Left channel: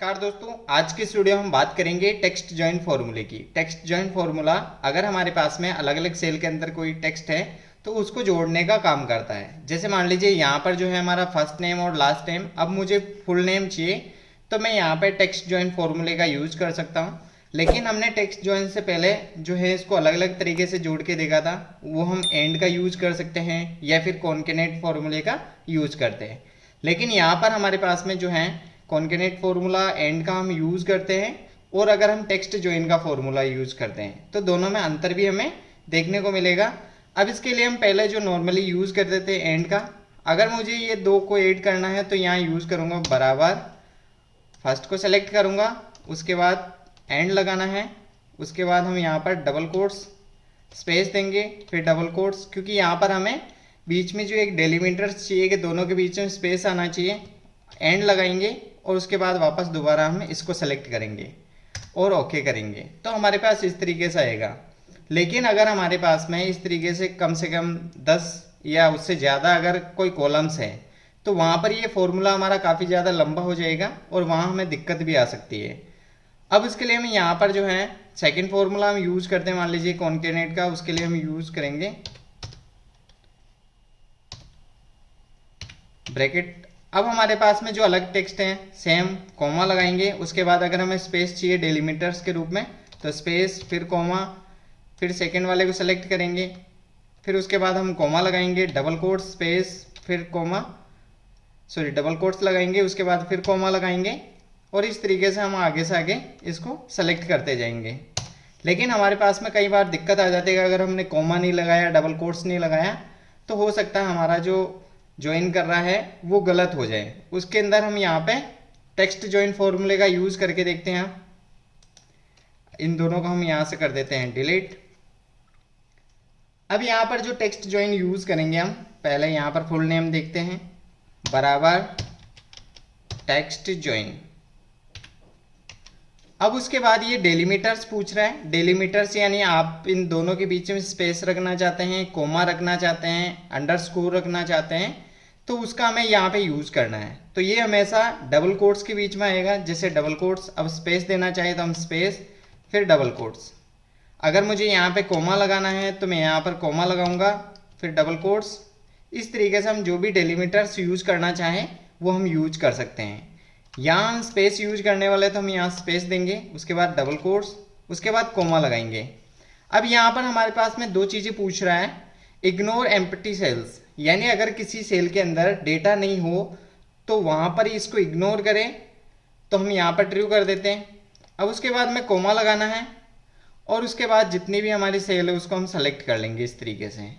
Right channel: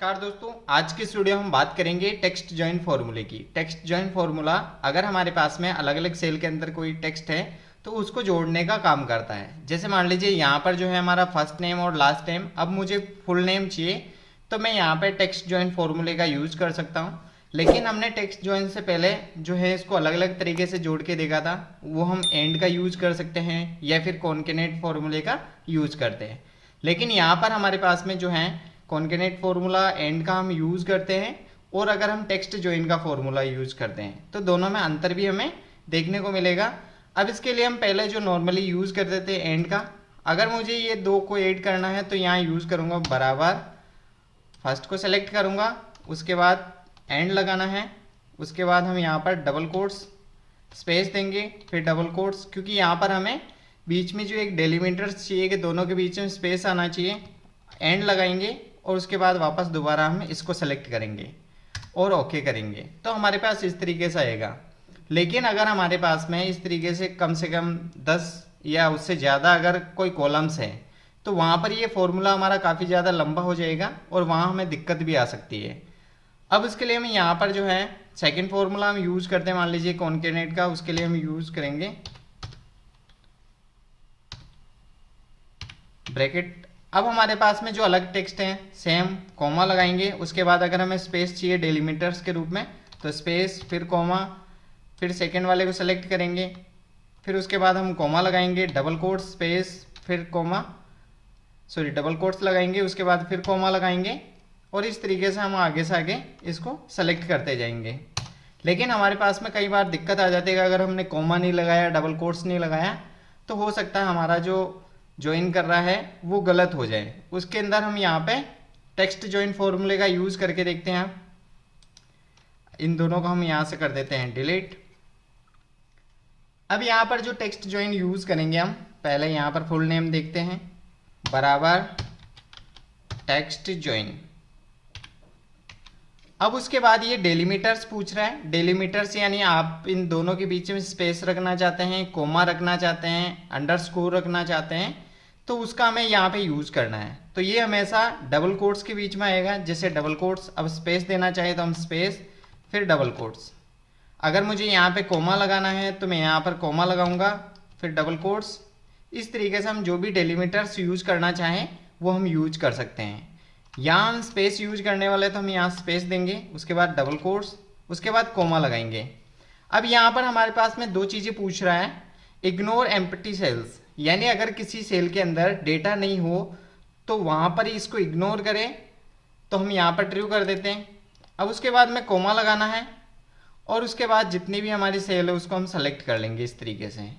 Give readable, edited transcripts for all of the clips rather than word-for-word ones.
नमस्कार दोस्तों, आज की इस वीडियो में हम बात करेंगे टेक्स्ट जॉइन फॉर्मूले की। टेक्स्ट जॉइन फॉर्मूला अगर हमारे पास में अलग अलग सेल के अंदर कोई टेक्स्ट है तो उसको जोड़ने का काम करता है। जैसे मान लीजिए यहाँ पर जो है हमारा फर्स्ट नेम और लास्ट नेम, अब मुझे फुल नेम चाहिए तो मैं यहाँ पर टेक्स्ट जॉइन फॉर्मूले का यूज कर सकता हूँ। लेकिन हमने टेक्स्ट जॉइन से पहले जो है इसको अलग अलग तरीके से जोड़ के देखा था, वो हम एंड का यूज कर सकते हैं या फिर कॉन्केनेट फॉर्मूले का यूज करते हैं। लेकिन यहाँ पर हमारे पास में जो है कॉन्केनेट फॉर्मूला एंड का हम यूज करते हैं, और अगर हम टेक्स्ट जॉइन का फॉर्मूला यूज करते हैं तो दोनों में अंतर भी हमें देखने को मिलेगा। अब इसके लिए हम पहले जो नॉर्मली यूज करते थे एंड का, अगर मुझे ये दो को ऐड करना है तो यहाँ यूज करूंगा बराबर, फर्स्ट को सेलेक्ट करूंगा, उसके बाद एंड लगाना है, उसके बाद हम यहाँ पर डबल कोट्स स्पेस देंगे, फिर डबल कोट्स, क्योंकि यहाँ पर हमें बीच में जो एक डेलीमीटर चाहिए कि दोनों के बीच में स्पेस आना चाहिए। एंड लगाएंगे और उसके बाद वापस दोबारा हम इसको सेलेक्ट करेंगे और ओके करेंगे तो हमारे पास इस तरीके से आएगा। लेकिन अगर हमारे पास में इस तरीके से कम 10 या उससे ज़्यादा अगर कोई कॉलम्स है तो वहाँ पर ये फॉर्मूला हमारा काफ़ी ज़्यादा लंबा हो जाएगा और वहाँ हमें दिक्कत भी आ सकती है। अब इसके लिए हम यहाँ पर जो है सेकेंड फॉर्मूला हम यूज़ करते हैं, मान लीजिए कॉन्केनेट का, उसके लिए हम यूज़ करेंगे ब्रैकेट। अब हमारे पास में जो अलग टेक्स्ट है सेम कॉमा लगाएंगे, उसके बाद अगर हमें स्पेस चाहिए डेलीमीटर्स के रूप में तो स्पेस फिर कॉमा, फिर सेकंड वाले को सेलेक्ट करेंगे, फिर उसके बाद हम कॉमा लगाएंगे, डबल कोट्स स्पेस फिर कॉमा, डबल कोट्स लगाएंगे, उसके बाद फिर कॉमा लगाएंगे, और इस तरीके से हम आगे से आगे इसको सेलेक्ट करते जाएंगे। लेकिन हमारे पास में कई बार दिक्कत आ जाती है, अगर हमने कॉमा नहीं लगाया, डबल कोट्स नहीं लगाया, तो हो सकता है हमारा जो ज्वाइन कर रहा है वो गलत हो जाए। उसके अंदर हम यहाँ पे टेक्स्ट ज्वाइन फॉर्मूले का यूज करके देखते हैं। इन दोनों को हम यहाँ से कर देते हैं डिलीट। अब यहाँ पर जो टेक्स्ट ज्वाइन यूज करेंगे हम पहले यहाँ पर फुल नेम देखते हैं बराबर टेक्स्ट ज्वाइन। अब उसके बाद ये डेलीमीटर्स पूछ रहा है। डेलीमीटर्स यानी आप इन दोनों के बीच में स्पेस रखना चाहते हैं, कोमा रखना चाहते हैं, अंडरस्कोर रखना चाहते हैं, तो उसका हमें यहाँ पे यूज करना है। तो ये हमेशा डबल कोट्स के बीच में आएगा। जैसे डबल कोट्स, अब स्पेस देना चाहिए तो हम स्पेस फिर डबल कोट्स। अगर मुझे यहाँ पे कोमा लगाना है तो मैं यहाँ पर कोमा लगाऊंगा फिर डबल कोट्स। इस तरीके से हम जो भी डेलीमीटर्स यूज करना चाहें वो हम यूज कर सकते हैं। यहाँ हम स्पेस यूज करने वाले तो हम यहाँ स्पेस देंगे, उसके बाद डबल कोट्स, उसके बाद कोमा लगाएंगे। अब यहाँ पर हमारे पास में दो चीज़ें पूछ रहा है, इग्नोर एम्प्टी सेल्स, यानी अगर किसी सेल के अंदर डेटा नहीं हो तो वहाँ पर ही इसको इग्नोर करें, तो हम यहाँ पर ट्रू कर देते हैं। अब उसके बाद में कोमा लगाना है और उसके बाद जितनी भी हमारी सेल है उसको हम सेलेक्ट कर लेंगे इस तरीके से,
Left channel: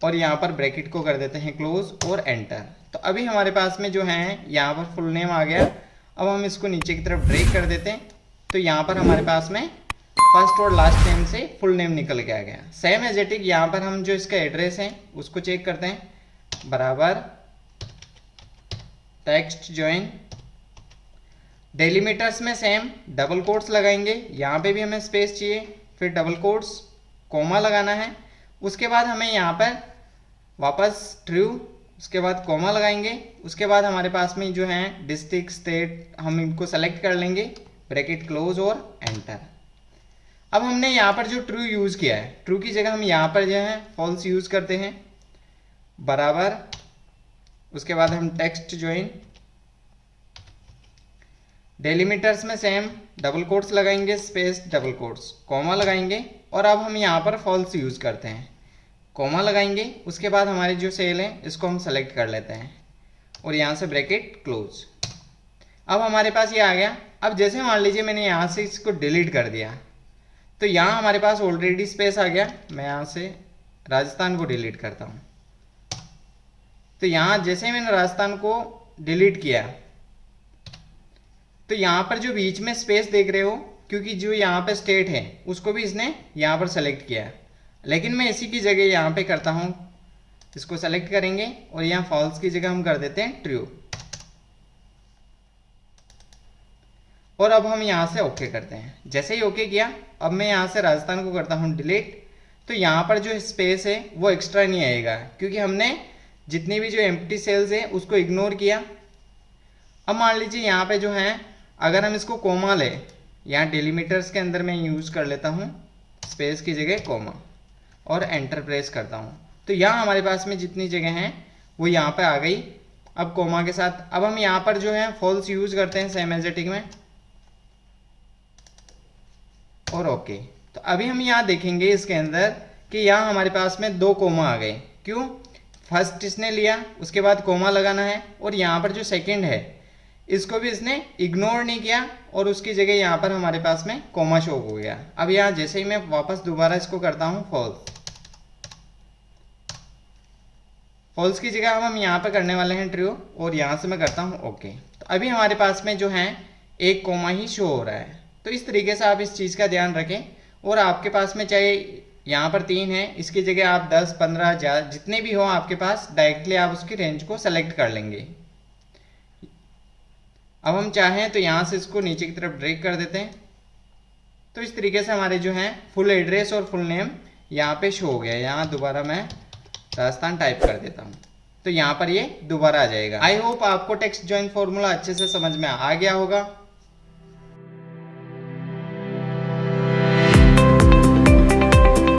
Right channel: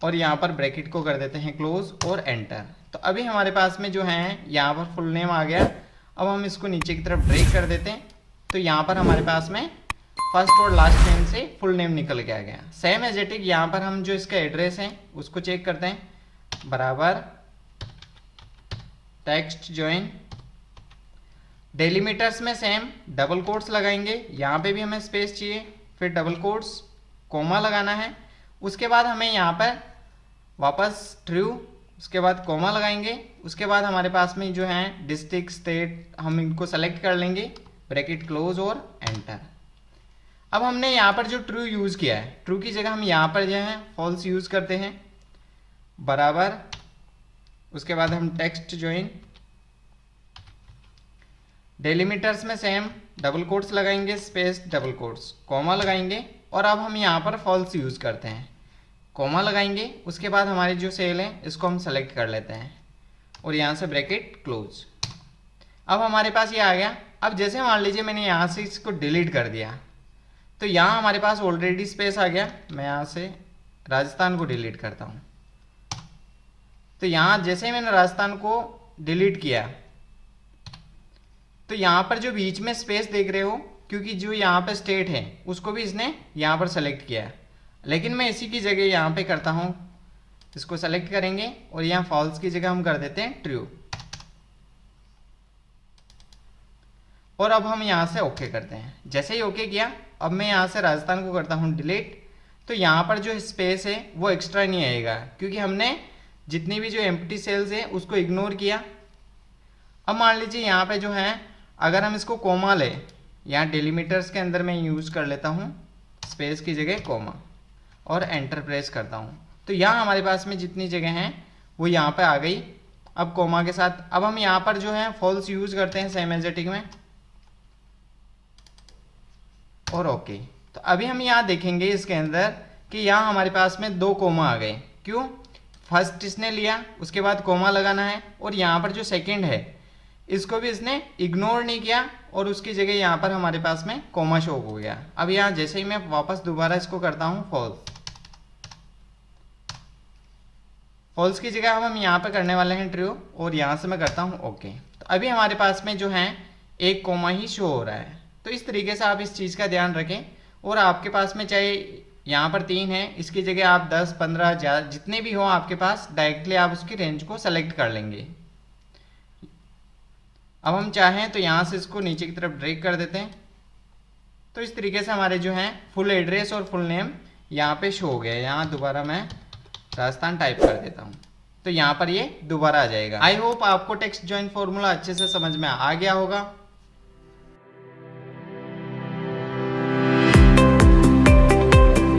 और यहाँ पर ब्रैकेट को कर देते हैं क्लोज और एंटर। तो अभी हमारे पास में जो है यहाँ पर फुल नेम आ गया। अब हम इसको नीचे की तरफ ब्रेक कर देते हैं तो यहाँ पर हमारे पास में फर्स्ट और लास्ट नेम से फुल नेम निकल के आ गया। सेम एजेटिक यहाँ पर हम जो इसका एड्रेस है उसको चेक करते हैं बराबर टेक्स्ट ज्वाइन। डेलीमीटर्स में सेम डबल कोट्स लगाएंगे, यहाँ पे भी हमें स्पेस चाहिए, फिर डबल कोट्स, कोमा लगाना है, उसके बाद हमें यहाँ पर वापस ट्रू, उसके बाद कोमा लगाएंगे, उसके बाद हमारे पास में जो है डिस्ट्रिक्ट स्टेट हम इनको सेलेक्ट कर लेंगे, ब्रैकेट क्लोज और एंटर। अब हमने यहाँ पर जो ट्रू यूज किया है, ट्रू की जगह हम यहाँ पर जो है फॉल्स यूज करते हैं बराबर, उसके बाद हम टेक्स्ट ज्वाइन। डेलीमीटर्स में सेम डबल कोट्स लगाएंगे, स्पेस डबल कोट्स, कोमा लगाएंगे, और अब हम यहाँ पर फॉल्स यूज करते हैं, कोमा लगाएंगे, उसके बाद हमारी जो सेल है इसको हम सेलेक्ट कर लेते हैं और यहाँ से ब्रैकेट क्लोज। अब हमारे पास ये आ गया। अब जैसे मान लीजिए मैंने यहाँ से इसको डिलीट कर दिया तो यहाँ हमारे पास ऑलरेडी स्पेस आ गया। मैं यहाँ से राजस्थान को डिलीट करता हूँ, तो यहाँ जैसे मैंने राजस्थान को डिलीट किया तो यहाँ पर जो बीच में स्पेस देख रहे हो, क्योंकि जो यहाँ पे स्टेट है उसको भी इसने यहाँ पर सेलेक्ट किया, लेकिन मैं इसी की जगह यहाँ पे करता हूँ, इसको सेलेक्ट करेंगे और यहाँ फॉल्स की जगह हम कर देते हैं ट्रू, और अब हम यहाँ से ओके करते हैं। जैसे ही ओके किया, अब मैं यहाँ से राजस्थान को करता हूँ डिलीट, तो यहाँ पर जो स्पेस है वो एक्स्ट्रा नहीं आएगा, क्योंकि हमने जितनी भी जो एम्प्टी सेल्स है उसको इग्नोर किया। अब मान लीजिए यहाँ पे जो है अगर हम इसको कोमा ले, यहाँ डेलीमीटर्स के अंदर मैं यूज़ कर लेता हूँ स्पेस की जगह कोमा और एंटर प्रेस करता हूँ, तो यहाँ हमारे पास में जितनी जगह हैं वो यहाँ पे आ गई। अब कोमा के साथ अब हम यहाँ पर जो है फॉल्स यूज़ करते हैं सेम एजेटिक में और ओके। तो अभी हम यहाँ देखेंगे इसके अंदर कि यहाँ हमारे पास में 2 कोमा आ गए। क्यों? फर्स्ट इसने लिया, उसके बाद कोमा लगाना है, और यहाँ पर जो सेकंड है इसको भी इसने इग्नोर नहीं किया और उसकी जगह यहाँ पर हमारे पास में कोमा शो हो गया। अब यहाँ जैसे ही मैं वापस दोबारा इसको करता हूँ फॉल्स, फॉल्स की जगह अब हम यहाँ पे करने वाले हैं ट्रू, और यहाँ से मैं करता हूँ ओके। तो अभी हमारे पास में जो है एक कोमा ही शो हो रहा है। तो इस तरीके से आप इस चीज़ का ध्यान रखें, और आपके पास में चाहे यहाँ पर 3 है, इसकी जगह आप 10, 15 जितने भी हो आपके पास, डायरेक्टली आप उसकी रेंज को सेलेक्ट कर लेंगे। अब हम चाहें तो यहाँ से इसको नीचे की तरफ ड्रैग कर देते हैं। तो इस तरीके से हमारे जो है फुल एड्रेस और फुल नेम यहाँ पे शो हो गया। यहाँ दोबारा मैं राजस्थान टाइप कर देता हूँ, तो यहाँ पर ये दोबारा आ जाएगा। आई होप आपको टेक्स्ट जॉइन फॉर्मूला अच्छे से समझ में आ गया होगा।